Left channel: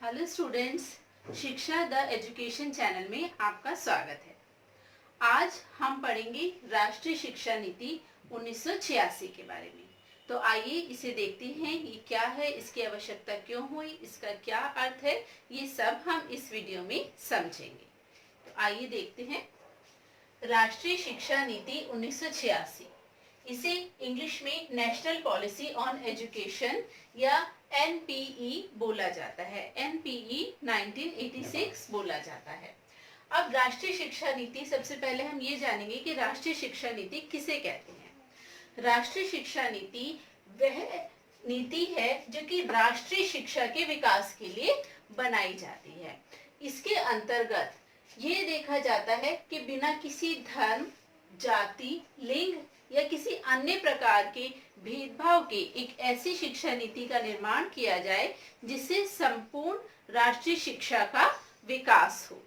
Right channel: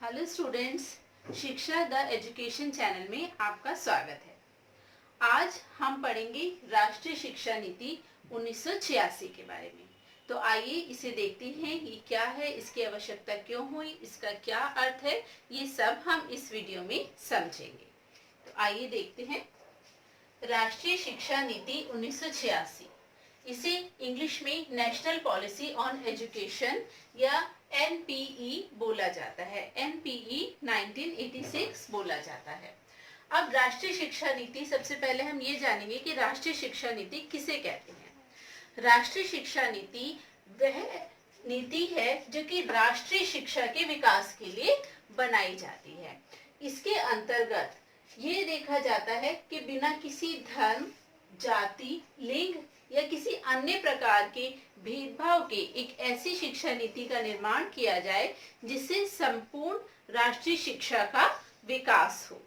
Hello students, शिक्षा the education channel में आपका स्वागत है। आज हम पढ़ेंगे राष्ट्रीय शिक्षा नीति 1986 के बारे में। तो आइए इसे देखते हैं, ये क्या है, इसकी आवश्यकता क्यों हुई, इसका क्या अर्थ है, ये सब हम इस वीडियो में समझेंगे। तो आइए देखते हैं। राष्ट्रीय शिक्षा नीति 1986, इसे इंग्लिश में नेशनल पॉलिसी ऑन एजुकेशन या एनपीई बोला जाता है। एनपीई 1986 बोला जाता है। अब राष्ट्रीय शिक्षा नीति, सबसे पहले हम ये जानेंगे कि राष्ट्रीय शिक्षा नीति किसे कहते हैं। राष्ट्रीय शिक्षा नीति वह नीति है जो कि राष्ट्रीय शिक्षा के विकास के लिए बनाई जाती है। इसके अंतर्गत ये देखा जाता है कि बिना किसी धर्म, जाति, लिंग या किसी अन्य प्रकार के भेदभाव के एक ऐसी शिक्षा नीति का निर्माण किया जाए जिससे संपूर्ण राष्ट्रीय शिक्षा का विकास हो।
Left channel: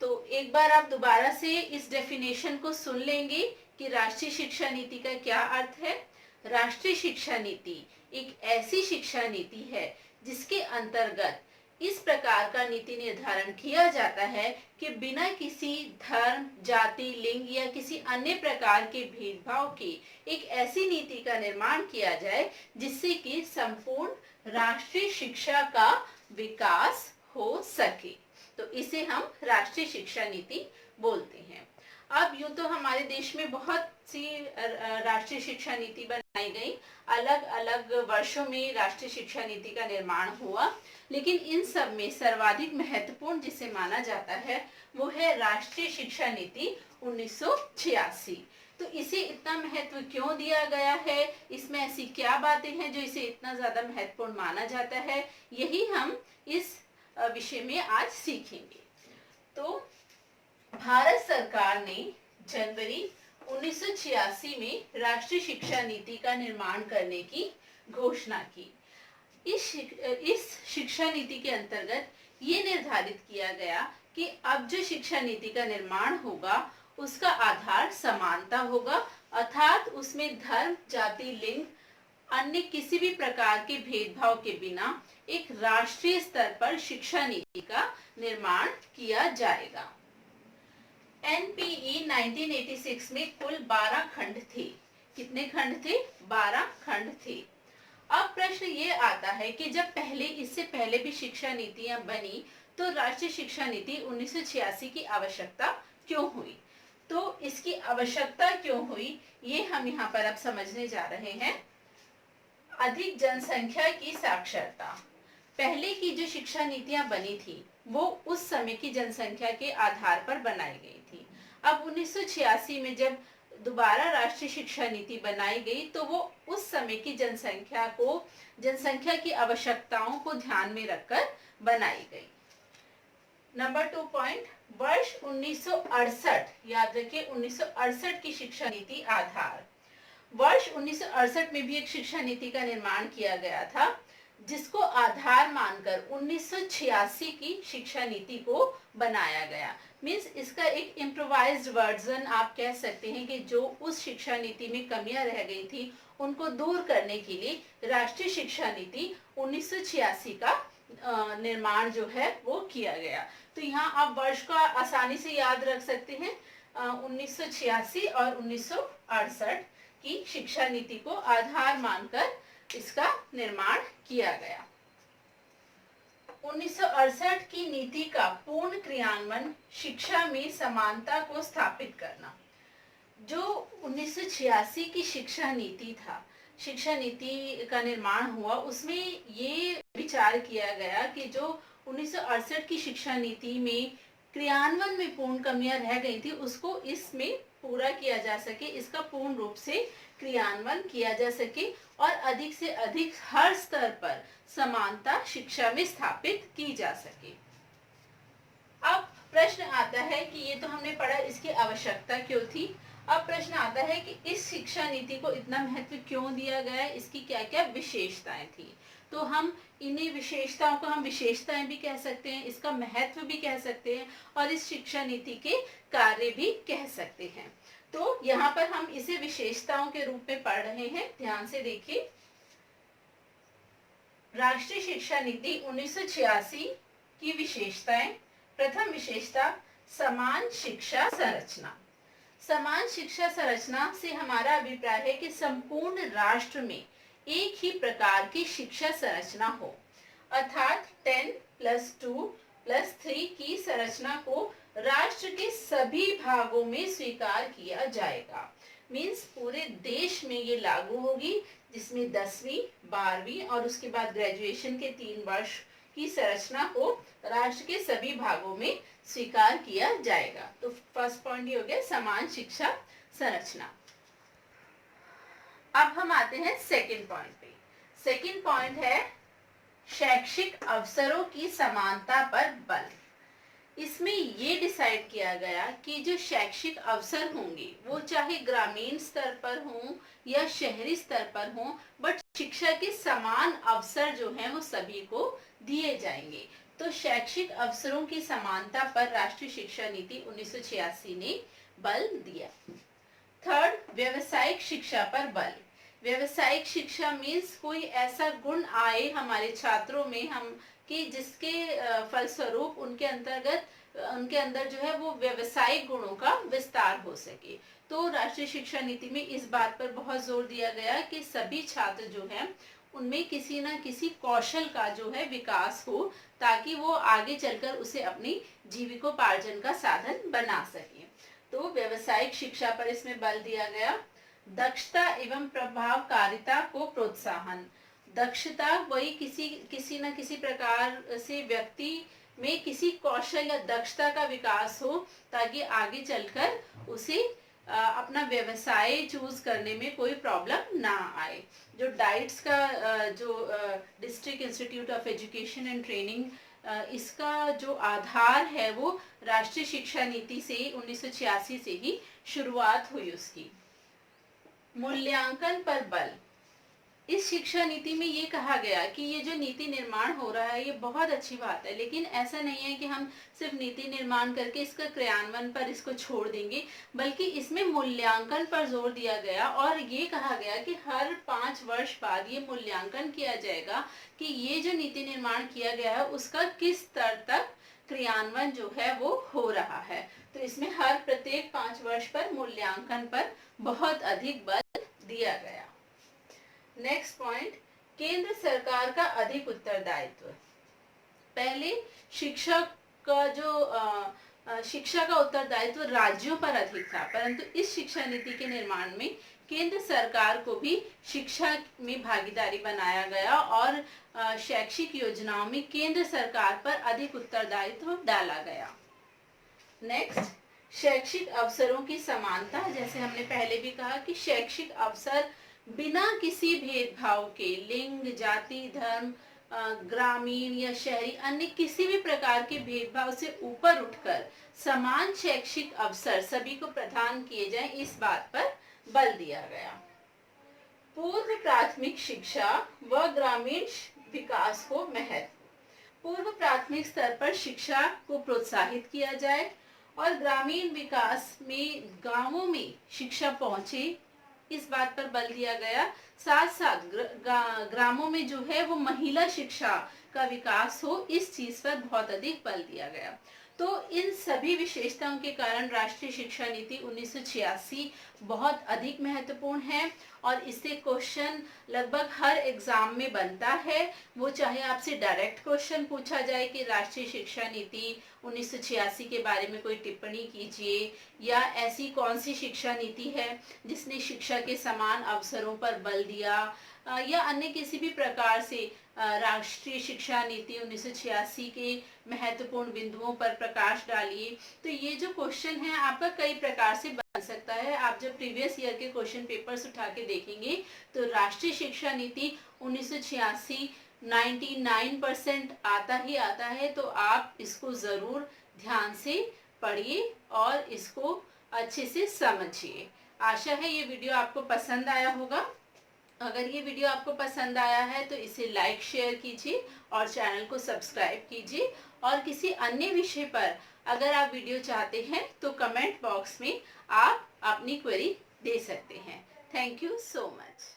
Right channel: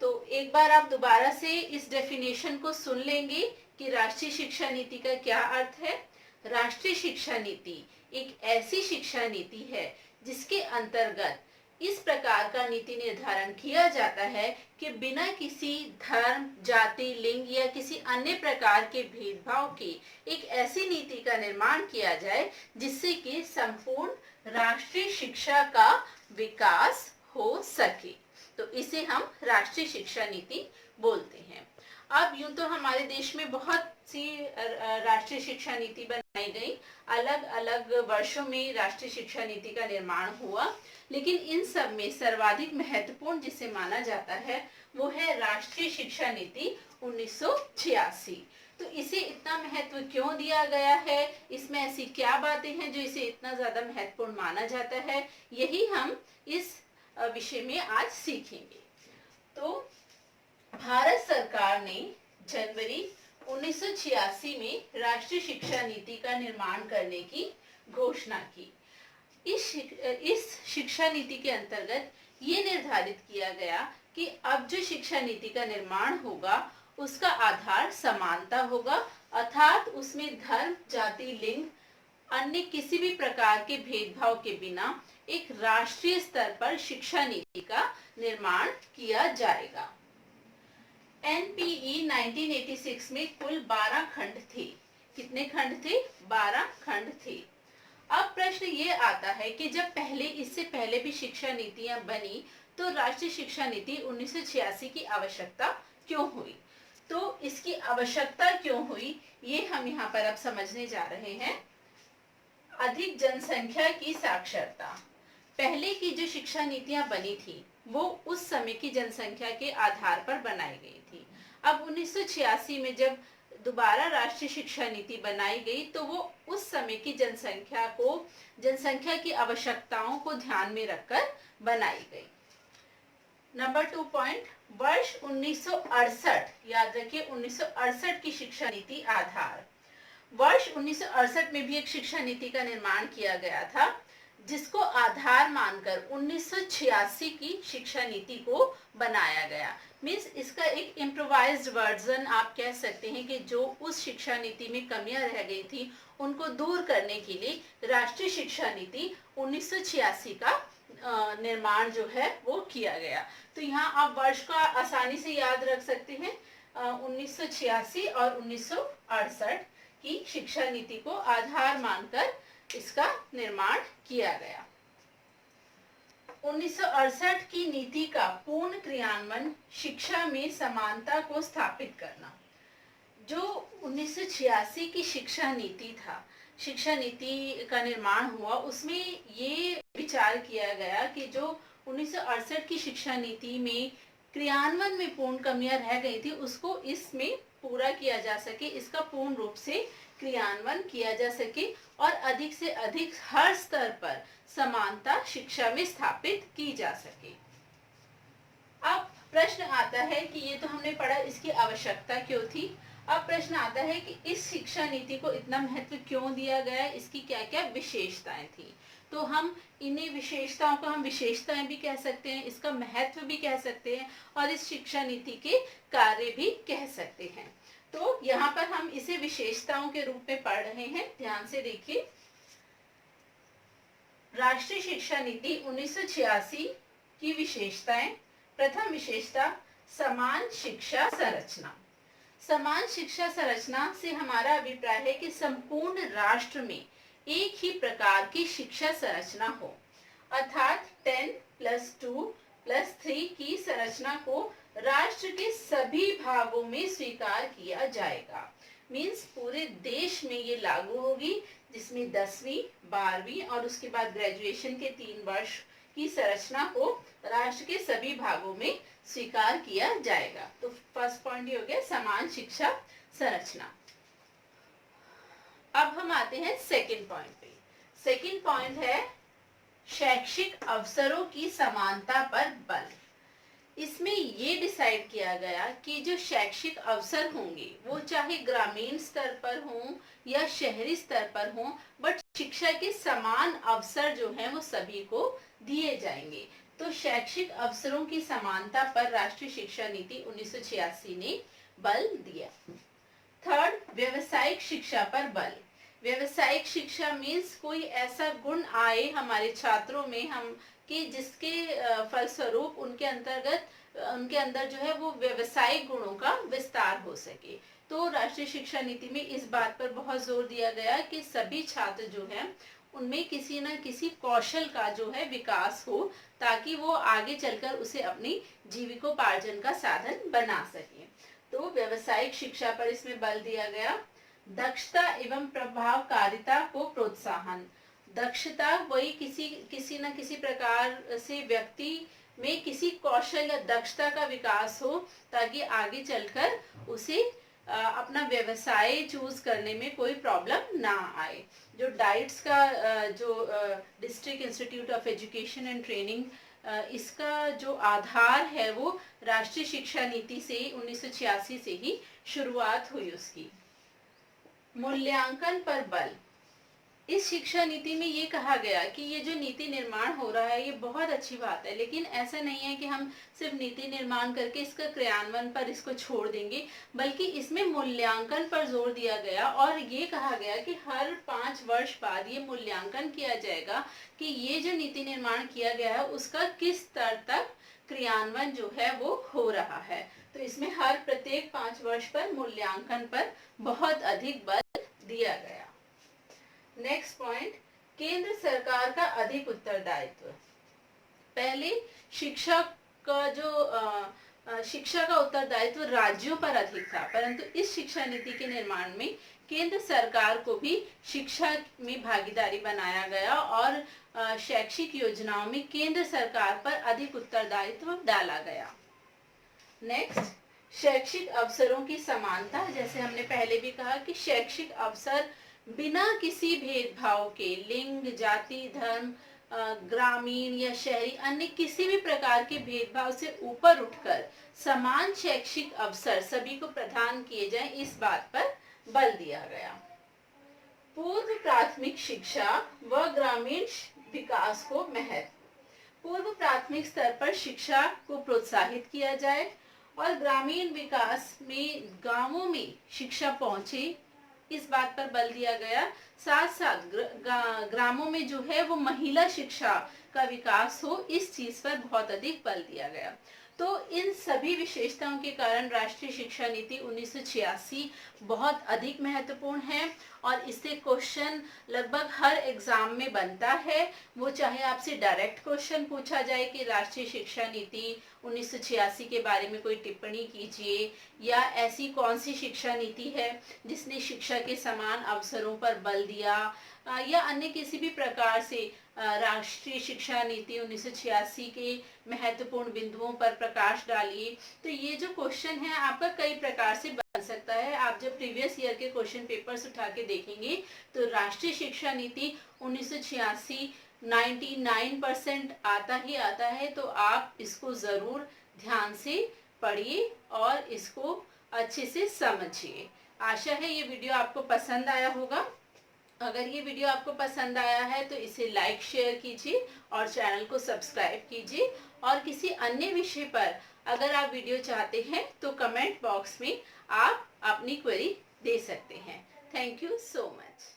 तो एक बार आप दोबारा से इस डेफिनेशन को सुन लेंगे कि राष्ट्रीय शिक्षा नीति का क्या अर्थ है। राष्ट्रीय शिक्षा नीति एक ऐसी शिक्षा नीति है जिसके अंतर्गत इस प्रकार का नीति निर्धारण किया जाता है कि बिना किसी धर्म, जाति, लिंग या किसी अन्य प्रकार के भेदभाव के एक ऐसी नीति का निर्माण किया जाए जिससे कि संपूर्ण राष्ट्रीय शिक्षा का विकास हो सके। तो इसे हम राष्ट्रीय शिक्षा नीति बोलते हैं। अब यूं तो हमारे देश में बहुत सी राष्ट्रीय शिक्षा नीति बनाई गई, अलग अलग वर्षों में राष्ट्रीय शिक्षा नीति का निर्माण हुआ, लेकिन इन सब में सर्वाधिक महत्वपूर्ण जिसे माना जाता है वो है राष्ट्रीय शिक्षा नीति 1986। तो इसे इतना महत्व क्यों दिया गया है, इसमें ऐसी क्या बातें हैं जो इसे इतना ज्यादा महत्वपूर्ण माना जाता है, यही हम इस विषय में आज सीखेंगे। तो भारत सरकार ने जनवरी 1986 में राष्ट्रीय शिक्षा नीति का निर्माण करने की घोषणा की। इस शिक्षा नीति के अंतर्गत ये निर्धारित किया गया कि अब जो शिक्षा नीति का निर्माण होगा उसका आधार समानता होगा, अर्थात उसमें धर्म, जाति, लिंग, अन्य किसी भी प्रकार के भेदभाव के बिना एक राष्ट्रीय स्तर पर शिक्षा नीति का निर्माण किया जाएगा। एनपीई 1986 में कुल 12 खंड थे। कितने खंड थे? 12 खंड थे। अब प्रश्न ये आता है कि जब इससे पहले भी शिक्षा नीतियां बनी तो राष्ट्रीय शिक्षा नीति 1986 की आवश्यकता क्यों हुई? तो इसकी आवश्यकता क्यों हुई ये हम यहाँ पर अब समझने जा रहे हैं। अधिक जनसंख्या की साक्षरता। पहले की जो शिक्षा नीतियां बनी थी वो उस समय की जनसंख्या के आधार पर बनाई गई थी। अब 1986 में जब दोबारा राष्ट्रीय शिक्षा नीति बनाई गई तो वो उस समय की जनसंख्या की आवश्यकताओं को ध्यान में रखकर बनाई गई। नंबर 2 पॉइंट, वर्ष 1968, याद रखिए 1968 की शिक्षा नीति आधार। वर्ष 1968 में भी एक शिक्षा नीति का निर्माण किया गया था जिसको आधार मानकर 1986 की शिक्षा नीति को बनाया गया। मीन्स इसका एक इम्प्रोवाइज्ड वर्जन आप कह सकते हैं कि जो उस शिक्षा नीति में कमियां रह गई थी उनको दूर करने के लिए राष्ट्रीय शिक्षा नीति 1986 का निर्माण जो है वो किया गया। तो यहाँ आप वर्ष का आसानी से याद रख सकते हैं। 1986 और 1968 की शिक्षा नीति को आधार मानकर इसका निर्माण किया गया। 1968 की नीति का पूर्ण क्रियान्वयन, शिक्षा में समानता को स्थापित करना। जो 1986 की शिक्षा नीति का निर्माण हुआ उसमें ये विचार किया गया कि जो 1968 की शिक्षा नीति में क्रियान्वयन में पूर्ण कमियां रह गई थी उसको इसमें पूरा किया जा सके, इसका पूर्ण रूप से क्रियान्वयन किया जा सके और अधिक से अधिक हर स्तर पर समानता शिक्षा में स्थापित की जा सके। अब प्रश्न आता है कि ये तो हमने पढ़ा इसकी आवश्यकता क्यों थी। अब प्रश्न आता है कि इस शिक्षा नीति को इतना महत्व क्यों दिया गया, इसकी क्या क्या विशेषताएं थी। तो हम इन्हीं विशेषताओं को हम विशेषताएं भी कह सकते हैं, इसका महत्व भी कह सकते हैं और इस शिक्षा नीति के कार्य भी कह सकते हैं। तो यहाँ पर हम इसे विशेषताओं के रूप में पढ़ रहे हैं, ध्यान से देखिए। राष्ट्रीय शिक्षा नीति 1986 की विशेषताएं। प्रथम विशेषता, समान शिक्षा संरचना। समान शिक्षा संरचना से हमारा अभिप्राय है कि संपूर्ण राष्ट्र में एक ही प्रकार की शिक्षा संरचना हो, अर्थात 10+2+3 की संरचना को राष्ट्र के सभी भागों में स्वीकार किया जाएगा। मीन्स पूरे देश में ये लागू होगी, जिसमें 10वीं 12वीं और उसके बाद ग्रेजुएशन के 3 वर्ष की संरचना को राष्ट्र के सभी भागों में स्वीकार किया जाएगा। तो फर्स्ट पॉइंट ये हो गया, समान शिक्षा संरचना। अब हम आते हैं सेकंड पॉइंट पे। सेकंड पॉइंट है शैक्षिक अवसरों की समानता पर बल। इसमें ये डिसाइड किया गया कि जो शैक्षिक अवसर होंगे वो चाहे ग्रामीण स्तर पर हों या शहरी स्तर पर हों, बट शिक्षा के समान अवसर जो हैं वो सभी को दिए जाएंगे। तो शैक्षिक अवसरों की समानता पर राष्ट्रीय शिक्षा नीति 1986 ने बल दिया। थर्ड, व्यावसायिक शिक्षा पर बल। व्यावसायिक शिक्षा मीन्स कोई ऐसा गुण आए हमारे छात्रों में हम कि जिसके फलस्वरूप उनके अंदर जो है वो व्यावसायिक गुणों का विस्तार हो सके। तो राष्ट्रीय शिक्षा नीति में इस बात पर बहुत जोर दिया गया कि सभी छात्र जो हैं उनमें किसी न किसी कौशल का जो है विकास हो, ताकि वो आगे चलकर उसे अपनी जीविकोपार्जन का साधन बना सके। तो व्यावसायिक शिक्षा पर इसमें बल दिया गया। दक्षता एवं प्रभावकारिता को प्रोत्साहन। दक्षता वही किसी न किसी प्रकार से व्यक्ति में किसी कौशल या दक्षता का विकास हो, ताकि आगे चलकर उसे अपना व्यवसाय चूज करने में कोई प्रॉब्लम ना आए। जो डाइट्स का जो district institute of education and training, इसका जो आधार है वो राष्ट्रीय शिक्षा नीति से 1986 से ही शुरुआत हुई उसकी। मूल्यांकन पर बल। इस शिक्षा नीति में ये कहा गया कि ये जो नीति निर्माण हो रहा है ये बहुत अच्छी बात है, लेकिन ऐसा नहीं है कि हम सिर्फ नीति निर्माण करके इसका क्रियान्वयन पर इसको छोड़ देंगे, बल्कि इसमें मूल्यांकन पर जोर दिया गया और ये कहा गया कि हर 5 वर्ष बाद ये मूल्यांकन किया जाएगा कि ये जो नीति निर्माण किया गया है उसका किस स्तर तक क्रियान्वयन जो है वो हो रहा है। तो इसमें हर प्रत्येक 5 वर्ष पर मूल्यांकन पर बहुत अधिक बल दिया गया। नेक्स्ट पॉइंट, केंद्र सरकार का अधिक उत्तरदायित्व। पहले शिक्षा का उत्तरदायित्व राज्यों पर अधिक था, परंतु इस शिक्षा नीति के निर्माण में केंद्र सरकार को भी शिक्षा में भागीदारी बनाया गया और शैक्षिक योजनाओं में केंद्र सरकार पर अधिक उत्तरदायित्व डाला गया। नेक्स्ट, शैक्षिक अवसरों की समानता। जैसे हमने पहले भी कहा कि शैक्षिक अवसर बिना किसी भेदभाव के, लिंग, जाति, धर्म, ग्रामीण या शहरी, अन्य किसी भी प्रकार के भेदभाव से ऊपर उठकर समान शैक्षिक अवसर सभी को प्रदान किए जाएं, इस बात पर बल दिया गया। पूर्व प्राथमिक शिक्षा व ग्रामीण विकास को महत्व। पूर्व प्राथमिक स्तर पर शिक्षा को प्रोत्साहित किया जाए और ग्रामीण विकास में गांवों में शिक्षा पहुंचे, इस बात पर बल दिया गया। साथ साथ ग्रामों में जो है वो महिला शिक्षा का विकास हो, इस चीज पर बहुत अधिक बल दिया गया। तो इन सभी विशेषताओं के कारण राष्ट्रीय शिक्षा नीति 1986 बहुत अधिक महत्वपूर्ण है और इससे क्वेश्चन लगभग हर एग्जाम में बनता है। वो चाहे आपसे डायरेक्ट क्वेश्चन पूछा जाए कि राष्ट्रीय शिक्षा नीति 1986 के बारे में कोई टिप्पणी कीजिए, या ऐसी कौन सी शिक्षा नीति है जिसने शिक्षा के समान अवसरों पर बल दिया, या अन्य किसी भी प्रकार से राष्ट्रीय शिक्षा नीति 1986 के महत्वपूर्ण बिंदुओं पर प्रकाश डालिए। तो ये जो क्वेश्चन है आपका कई प्रकार से बन सकता है। आप जब प्रीवियस ईयर के क्वेश्चन पेपर्स उठा के देखेंगे तो राष्ट्रीय शिक्षा नीति 1986 99% आता ही आता है। तो आप इसको जरूर ध्यान से पढ़िए और इसको अच्छे से समझिए। आशा है ये वीडियो आपको पसंद आया होगा। अगर ये वीडियो आपको पसंद आया है तो इसे लाइक शेयर कीजिए और चैनल को सब्सक्राइब कीजिए, और किसी अन्य विषय पर अगर आप वीडियो चाहते हैं तो कमेंट बॉक्स में आप अपनी क्वेरी दे सकते हैं। Thank you so much.